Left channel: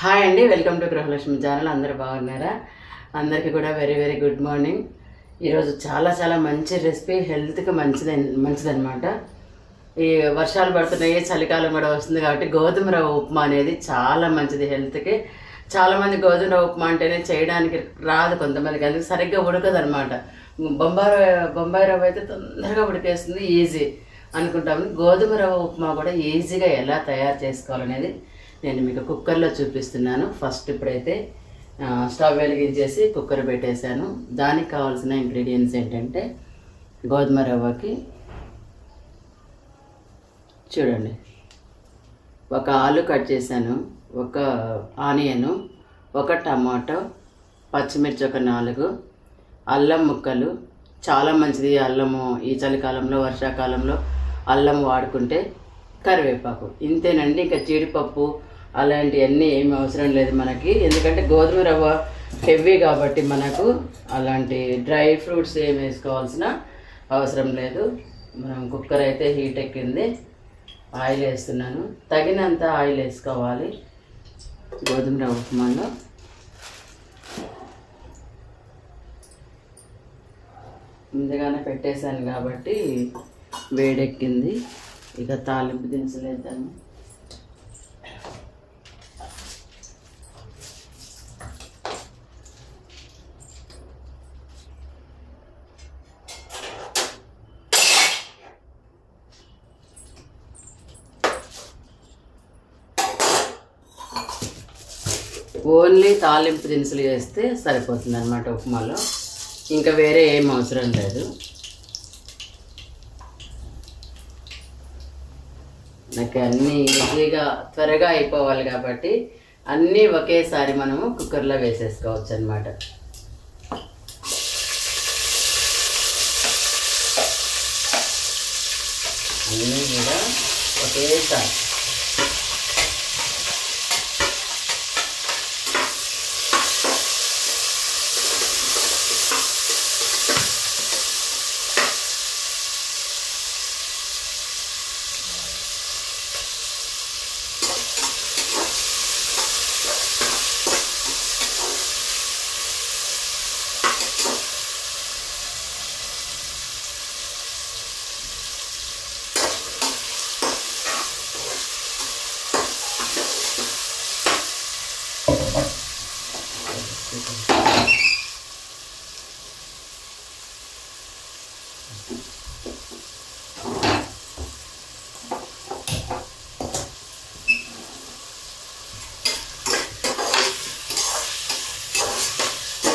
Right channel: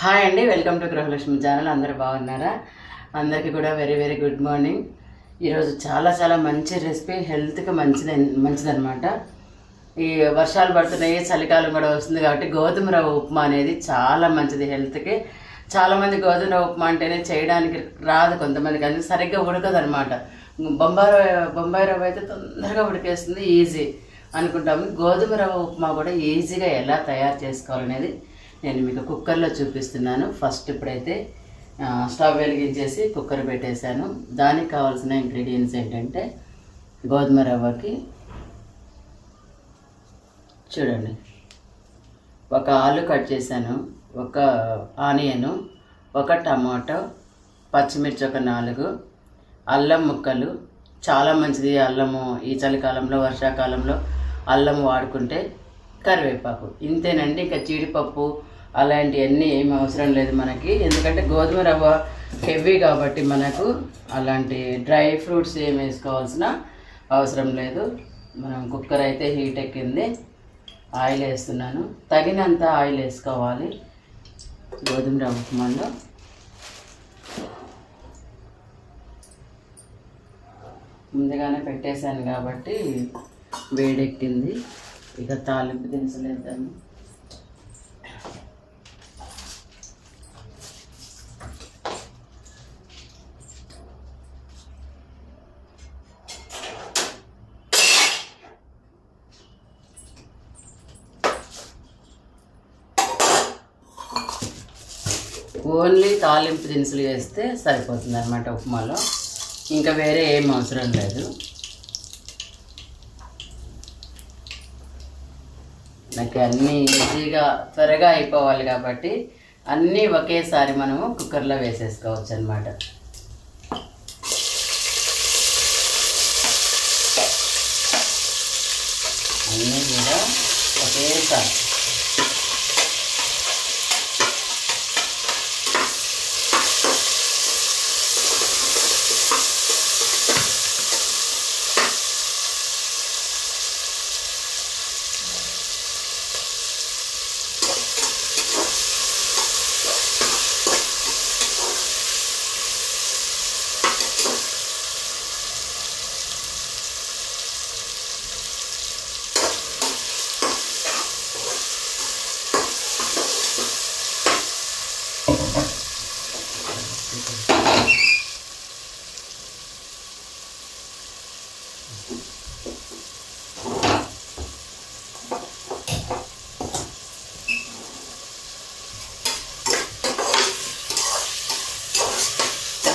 Hi అండి, welcome to Gruhalakshmi channel. అందరూ బాగున్నారా? అందరికీ కూడా వెరీ వెరీ గుడ్ మార్నింగ్. ఈరోజు చాలా మంచి రెసిపీ, హెల్త్కి మంచిదన్నమాట. ఈ వర్షాలు పడుతున్నాయి, చలికాలం కూడా వస్తుంది కాబట్టి గోధుమ రవ్వ ఉప్మా అనేది చాలా మంచిది హెల్త్కి. చాలామంది గోధుమ రవ్వ ఉప్మా అంటేనే చేయడానికి రాదు కొంతమందికి, అందుకు సరిగ్గా ఉడకదు అనమాట. బొంబాయి రవ్వ అయితే తొందరగా ఉడికేస్తుంది, ఈజీ అనుకుంటాము. గోధుమ రవ్వ ఉప్మా కూడా ఈజీగా ఎలా తయారు చేసుకోవాలనేది నేను మీకు కుక్కర్లో చూపిస్తున్నాను. ఫస్ట్ ఇప్పుడైతే స్టవ్ వెలిగించేసి కుక్కర్ పెట్టేశాను. దానికి కావాల్సిన ఇంగ్రీడియంట్స్ ఏంటంటే గోధుమ రవ్వకి చూడండి, ఒక ఆలు కట్ చేశాను, ఒక ఆనియను, ఒక టమాటో, పచ్చిమిర్చి ఒక 4, అల్లం ముక్కలు. చాలా మంచిది అల్లము ఈ చలికాలంలో, వర్షాకాలంలో అల్లం వాడుకుంటే. కరివేపాకు, ఇంతేనండి. ఇంకా జీడిపప్పు అలాంటివన్నీ ఏమి అవసరం లేదు మనకి, ఎందుకంటే గోధుమ రవ్వ హెవీ కాబట్టి మనకు అలాంటి డ్రై ఫ్రూట్స్ ఏమి వేసుకోవాల్సిన అవసరం లేదు. మనం కుక్కర్ అయితే హీట్ ఎక్కింది. ఆయిల్ వేస్తున్నాను, తగినంత ఆయిల్ వేసుకోవాలి. గోధుమ రవ్వ ఉప్మాలో ముందుగానే పెట్టేశాను కాబట్టి వేడెక్కింది. ఇక తాలింపు దినుసులు వేద్దాము. ఓన్లీ తాలింపు దినుసులు వేస్తే సరిపోతుంది అన్నమాట ఉప్మాలో, ఇంకా వేరే ఏం అవసరం లేదు. నాకు అన్నీ ఈజీగా త్వరగా అయిపోవాలి కాబట్టి అన్నీ ఒకేసారి మనము కుక్కర్లో వేసేసుకోవచ్చు అన్నమాట. అన్నీ కూడా ఒకేసారి.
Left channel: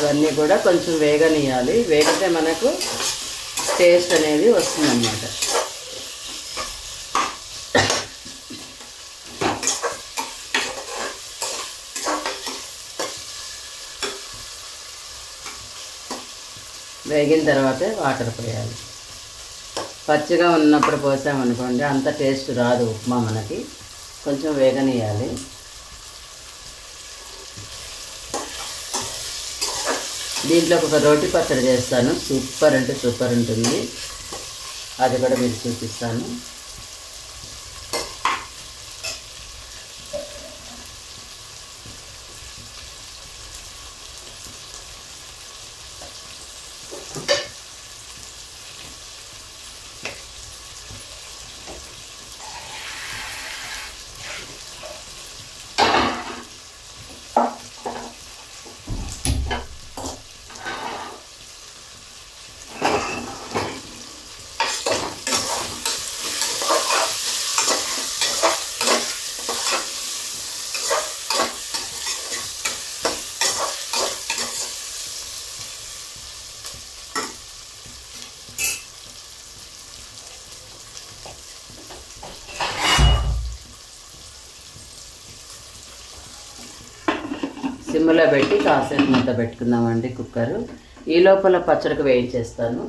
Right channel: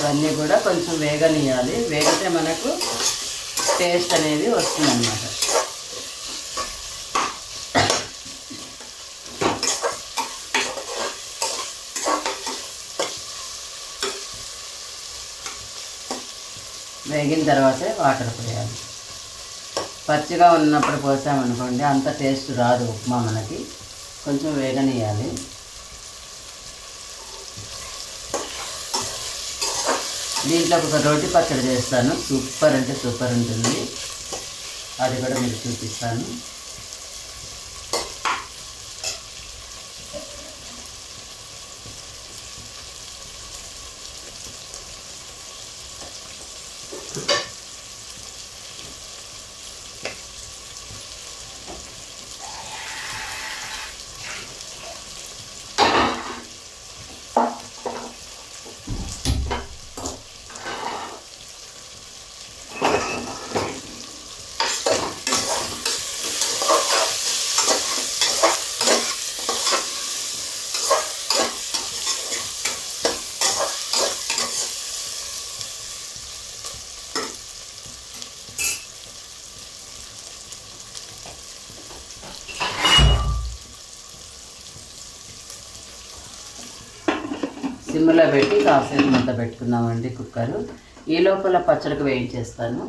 ఇవన్నీ కూడా కొంచెం వేగనియాలి, వేగితే మనకు టేస్ట్ అనేది వస్తుందన్నమాట. వేగిన తర్వాతే వాటర్ పోయాలి. పచ్చిగా ఉన్నప్పుడు పోసామనుకోండి అంత టేస్ట్ రాదు ఉప్మా మనకి, కొంచెం వేగనియాలి. దీంట్లో ఒక రోటి పచ్చడి చేస్తాను, సూపర్ అంటే సూపర్ ఉంటుంది, అది కూడా మీకు చూపిస్తాను. సిమ్లో పెట్టి కాసేపు మూత పెట్టుకుందామండి కుక్కరు. ఈ లోపల పచ్చడికి వేయించేస్తాను.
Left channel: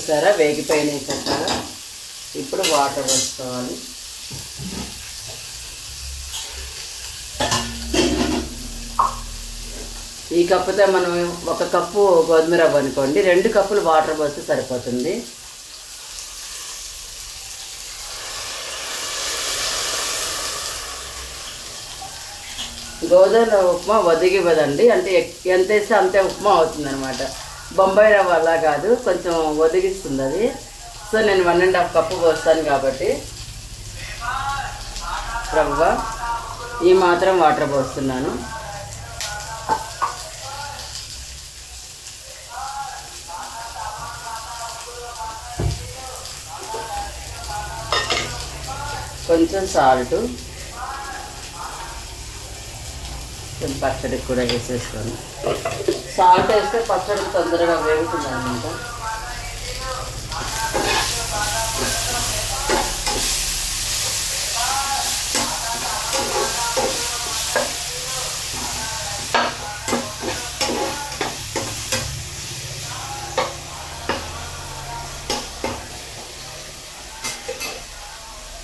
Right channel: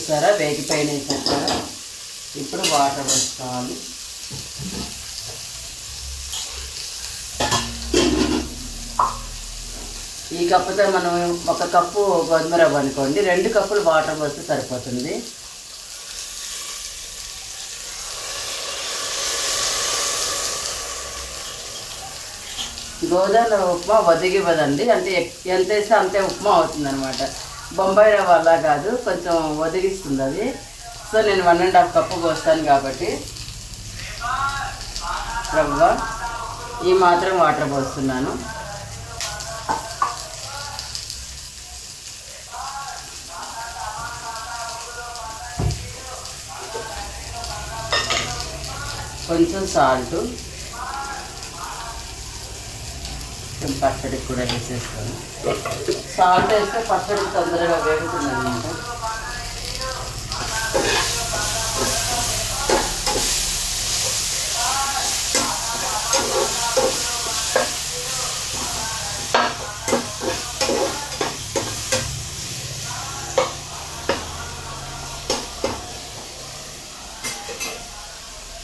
చూసారా వేగిపోయినాయి చక్కగా. ఇప్పుడు వాటర్ పోసుకోవాలి. ఈ కప్పుతో మనం 1 కప్పు గోధుమ రవ్వ అనుకోండి, 2 కప్పులు వాటర్ పోస్తే సరిపోతుంది. గోధుమ రవ్వ ఉప్మా ఒదిగివ్వదండి, అంటే ఎంత వేస్తే అంతే ఉప్మా అవుతుంది అనమాట. బొంబాయి రవ్వ అలా కాదు, కొంచెం ఒదిగిస్తుంది అది. సో నేను 1.5 కప్పు పోస్తాను కాబట్టి రవ్వ ఈ మాత్రం వాటర్ పోస్తున్నాను. కొంచెం సాల్ట్, కొంచెం పచ్చడికి కూడా వేసేస్తాను. సాల్ట్ వేస్తే పచ్చడి తొందరగా వేగుతుంది అన్నమాట.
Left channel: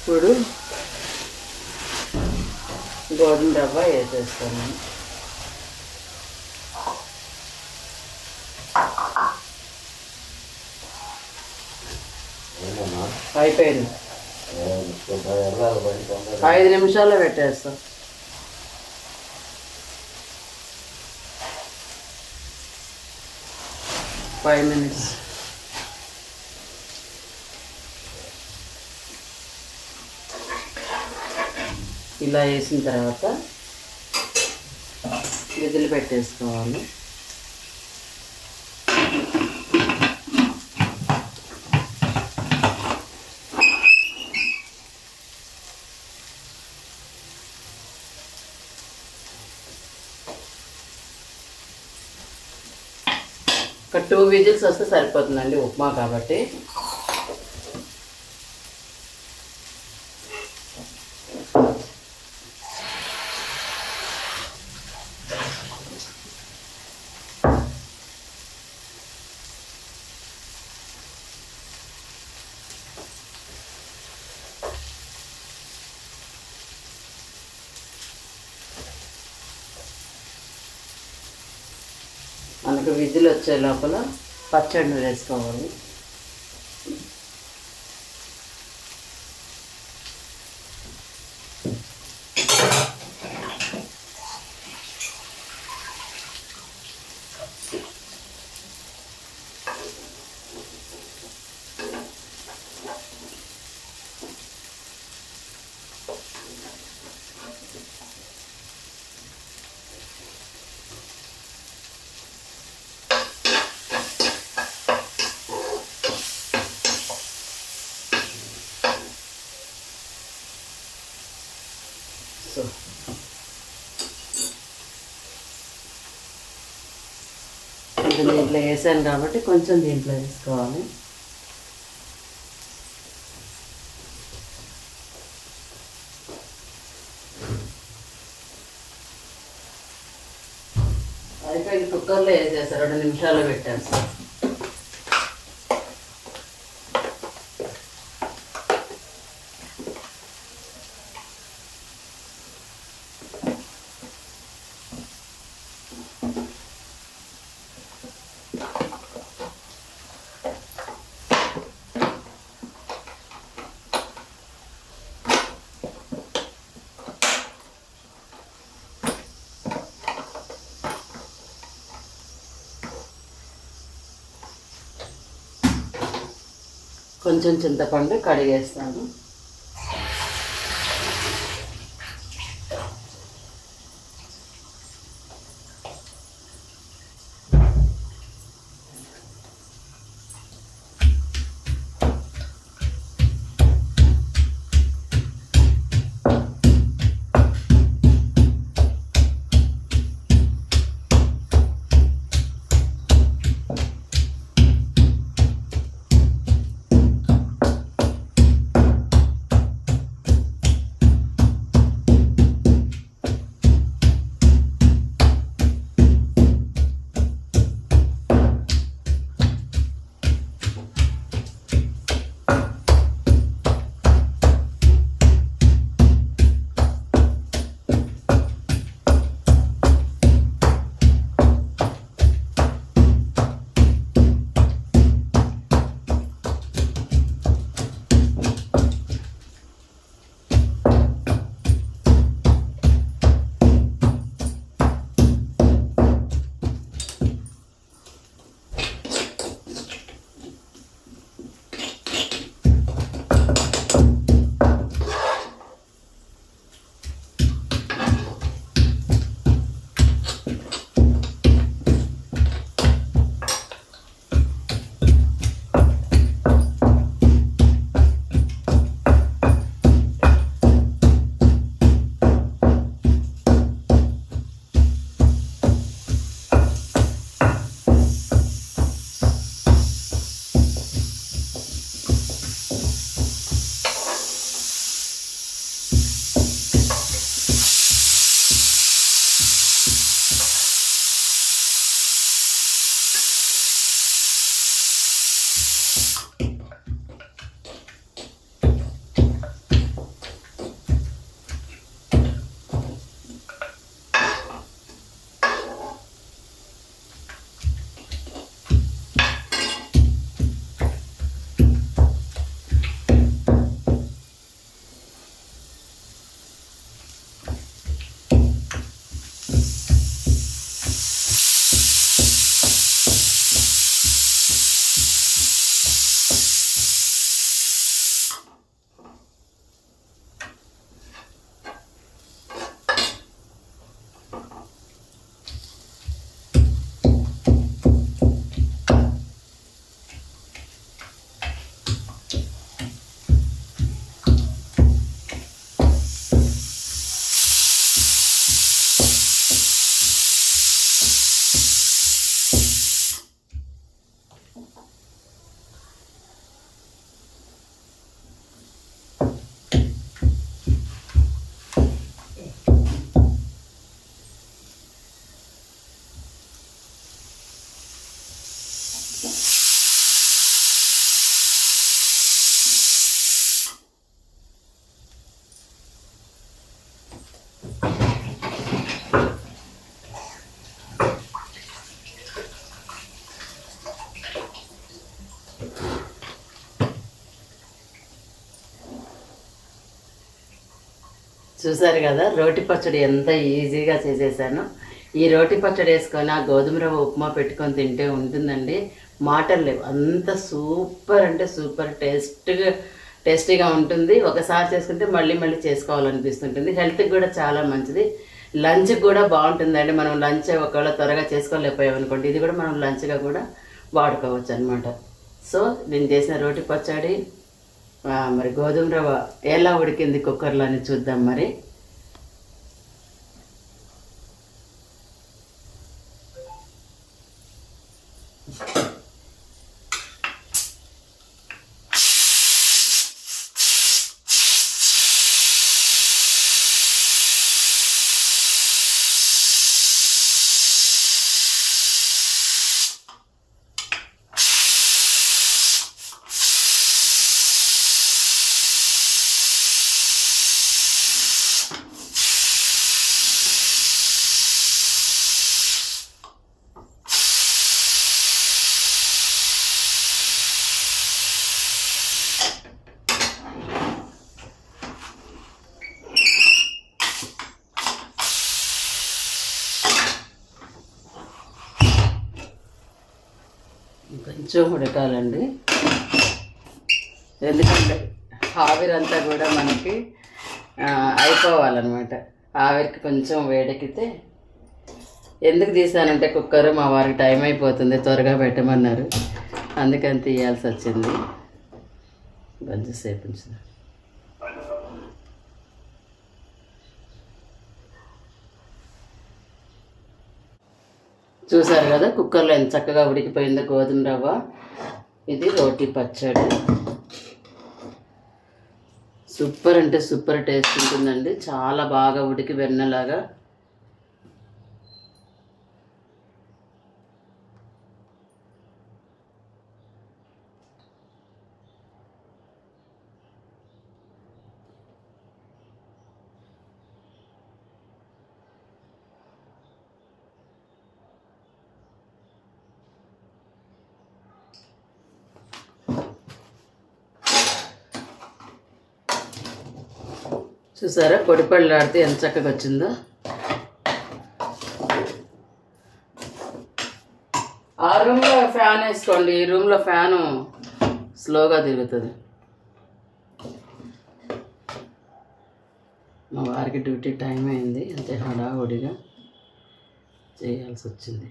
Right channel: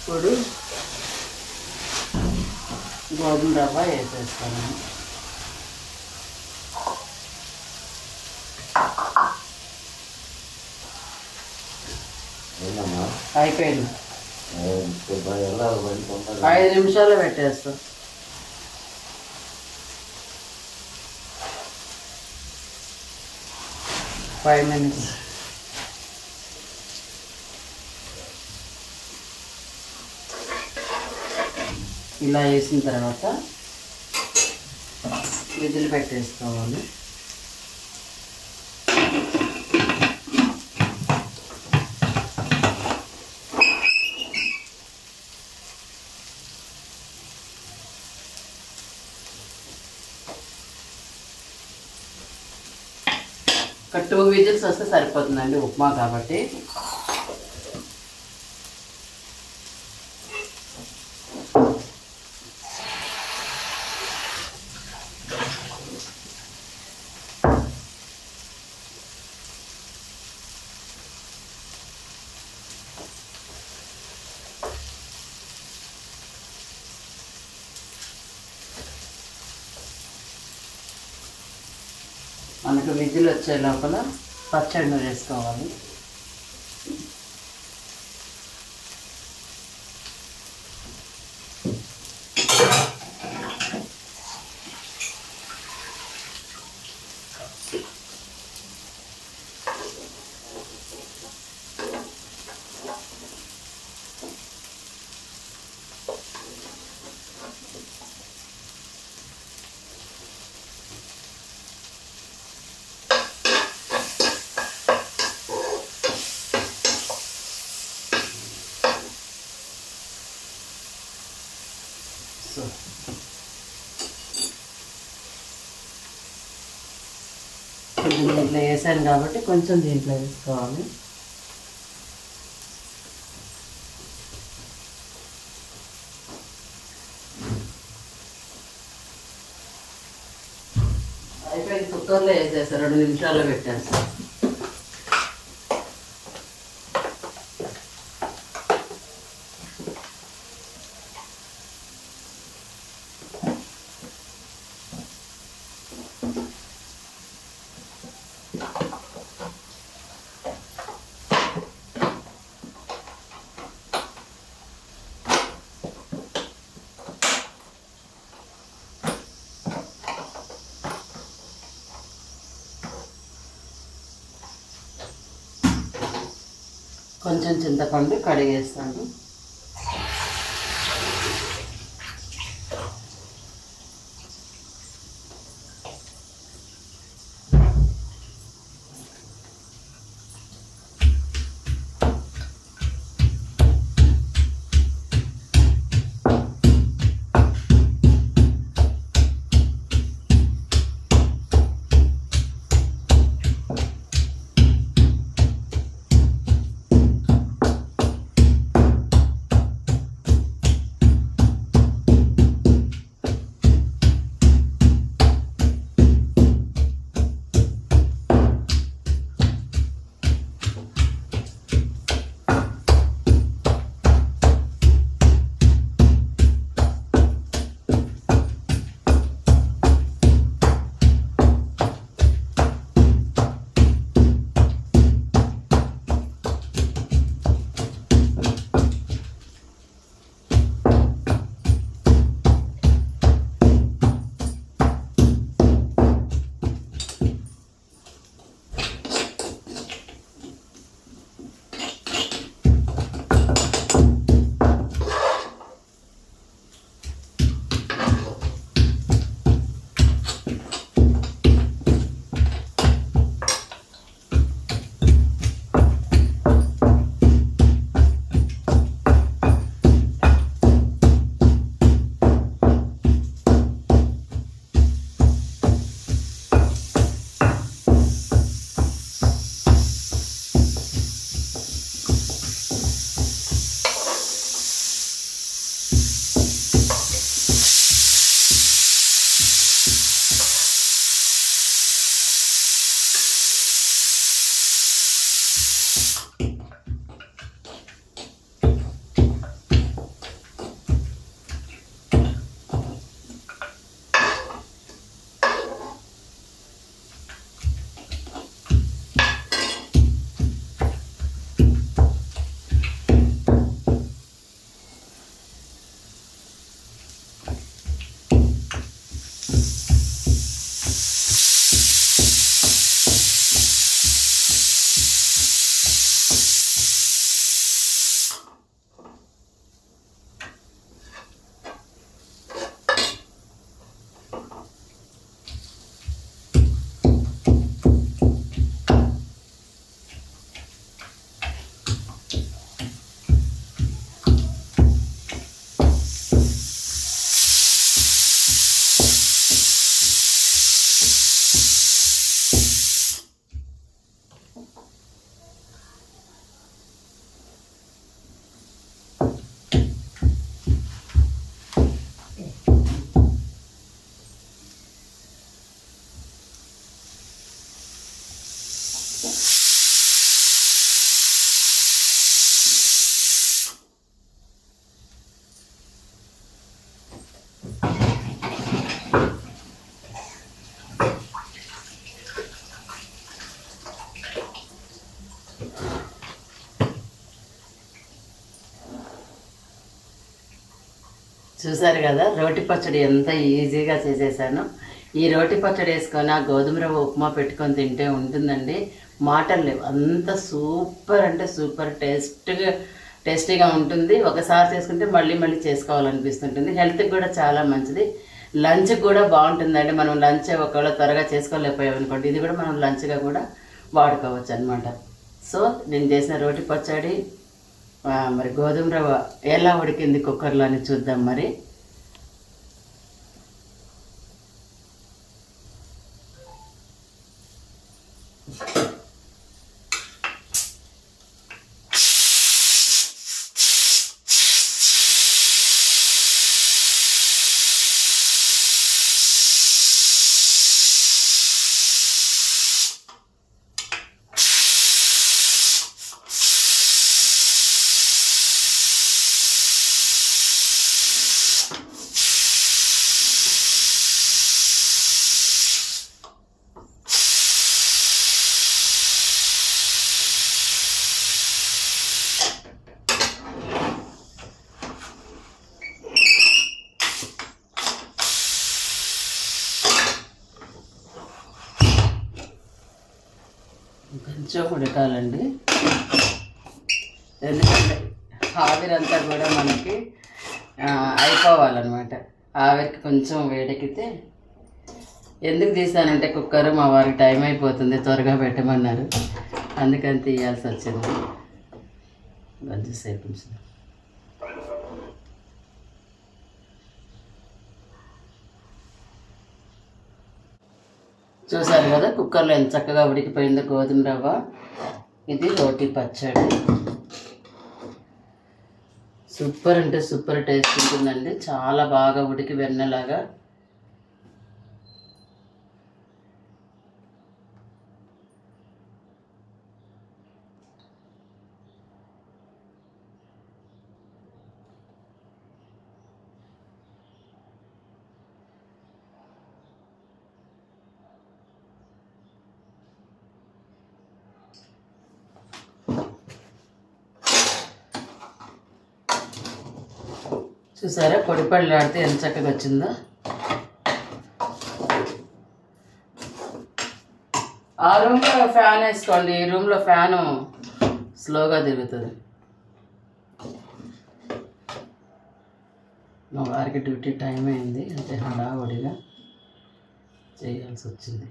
ఇప్పుడు గోధుమ రవ్వ వేసేస్తాను. అయిపోయింది. 5 నిమిషాల్లో పెట్టేస్తాం. Five minutes. ఇలా వేసిన తర్వాత విజిల్ పెట్టేసుకోవాలి. ఒక 2 విజిల్స్ వస్తే సరిపోతుందండి ఉప్మా కాబట్టి. మనకు విజిల్ వచ్చే లోపల పచ్చడి వేసుకోవాలి. దీంట్లో వేసాను కాబట్టి కొంచెం దీంట్లో వేసుకోవాలి. అయిపోయి కుక్కర్లో వేసేస్తాను, 2 నిమిషాలు పెట్టేస్తాను. కొంచెం చింతపండు కడిగేస్తాను. చూసారు కదా రోటి పచ్చడి ఎంత ఈజీగా చేసేసాను. ఈ రోటి పచ్చడి వేసుకొని ఆ గోధుమ రవ్వ ఉప్మా పెట్టుకొని తింటే ఉంటుందండి, మాటలు లేవు. అంత సూపర్ అంటే సూపర్ టేస్టీగా ఉంటుంది. ఒకసారి చేసుకుంటే మళ్ళీ మళ్ళీ చేసుకోవాలనిపిస్తుంటుంది. హెల్త్కి కూడా చాలా మంచిది. లంచ్కి కూడా బాగుంటుందండి. మనం లంచ్ ఒకవేళ త్వరగా చేసుకోలేకపోయామనుకోండి, ఇది కూడా మనం లంచ్గా కూడా వాడుకోవచ్చు అనమాట. సో నేను చేసిన రోటి పచ్చడి మరి గోధుమ రవ్వ ఎలా ఉడికింది కుక్కర్లో అని చూద్దాం. మరి కొంచెం ఉడకాలండి, ఎందుకంటే ఆవిరంతా కూడా మనకి అయిపోవాలన్నమాట. ఆవిరికి కొంచెం వేడెక్కితే, ఎందుకు తీసానంటే కుక్కర్ మా వారికి టైం అయిపోతుంది త్వరగా పెట్టమన్నారు, అందుకని తీయాల్సి వచ్చింది. కొంచెంసేపు ఉంచుదాం. చూసారు కదా కుక్కర్లో ఎంత చక్కగా ఉడికిపోయిందో గోధుమ రవ్వ. ఇది రోటి పచ్చడి, సూపర్ అంటే సూపర్ టేస్ట్ ఉంటుందండి. చాలా బాగా ఉడికి వెన్నలాగా. చూసారా పొడిపళ్ళాడితే ఎంత చక్కగా వచ్చిందో. ఆ రూమ్లో ఫ్యాన్ వేసుకోండి, ఈ రూమ్లో ఫ్యాను స్లోగా తిరుగుతుంది. మా వారికి డ్యూటీ టైం అయింది, అంతే హడావుడిగా చేయాల్సి వచ్చింది.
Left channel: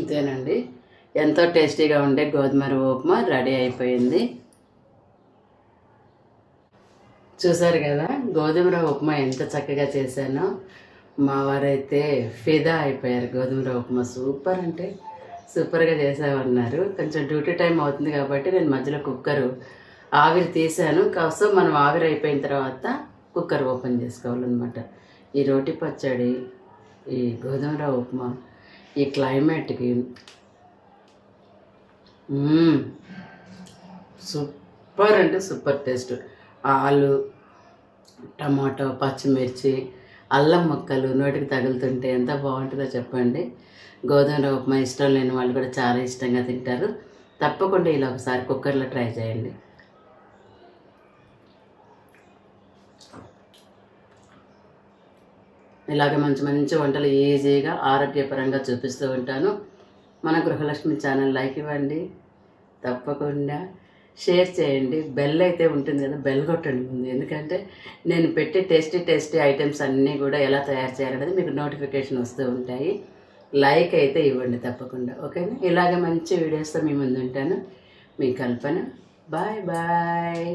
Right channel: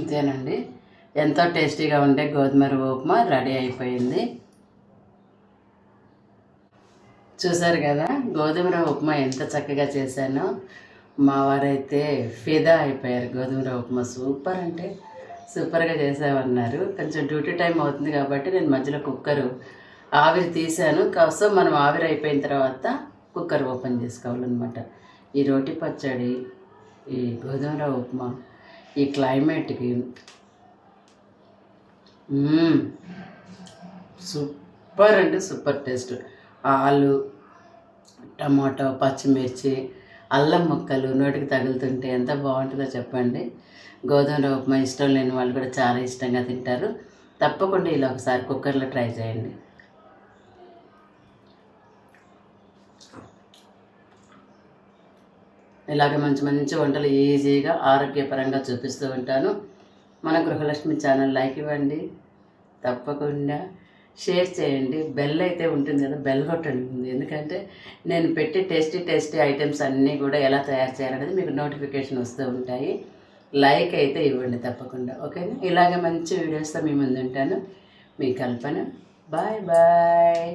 ఇంతేనండి, ఎంతో టేస్టీగా ఉండే గోధుమ రవ్వ ఉప్మా రెడీ అయిపోయింది. చూసారు కదా గోధుమ రవ్వ ఉప్మా ఎంత చక్కగా చేశానో. మా వారైతే ఫిదా అయిపోయారు. గోధుమ రవ్వ ఉప్మా సూపర్ అంటే సూపర్గా చేసామన్నారు. కొంచెం డ్యూటీ టైం అవుతుంది కాబట్టి నేను మధ్యలో కుక్కరు ఆవిరి తీసాను. కాస్త మనం ఆవిరి అయిపోయిన తర్వాత కుక్కర్ ఓపెన్ చేసుకోవాలన్నమాట. ఈ రోటి పచ్చడి, ఈ గోధుమ రవ్వ ఉప్మా, ఈ క్లైమేట్కి సూపర్ అంటే సూపర్ టేస్ట్. ఆలు, టమాటో, పచ్చిమిర్చి, అల్లం ముక్కలు నోటికి తగులుతుంటే ఎంత బాగుంటుందో చెప్పండి. గోధుమ రవ్వ ఉప్మా ఇష్టం లేని వాళ్ళు కూడా చాలా ఇష్టంగా తింటారు. తప్పకుండా ఇలా ఒకసారి కుక్కర్లో ట్రై చేయండి. ఇలాగ మంచి మంచి వంటలు ఈజీగా ఆరోగ్యపరంగా చూపిస్తూ ఉంటాను. మన గృహలక్ష్మి ఛానల్ లైక్ ఇవ్వండి, తప్పకుండా షేర్ చేయండి. బెల్ అయితే ఉంటుంది కదా, బెల్ కొట్టండి ముందు, ఎందుకంటే నేను పెట్టి టేస్టీ ఐటమ్స్ అన్నీ కూడా ఎలా తయారు చేయాలనేది మీకు నోటిఫికేషన్ వస్తూ ఉంటాయి. లైక్ అయితే ఇవ్వండి తప్పకుండా, ఓకేనా? ఇలాగ మంచి వీడియోస్తో మీ ముందు ఉంటాను. మీ కల్పన. Bye bye.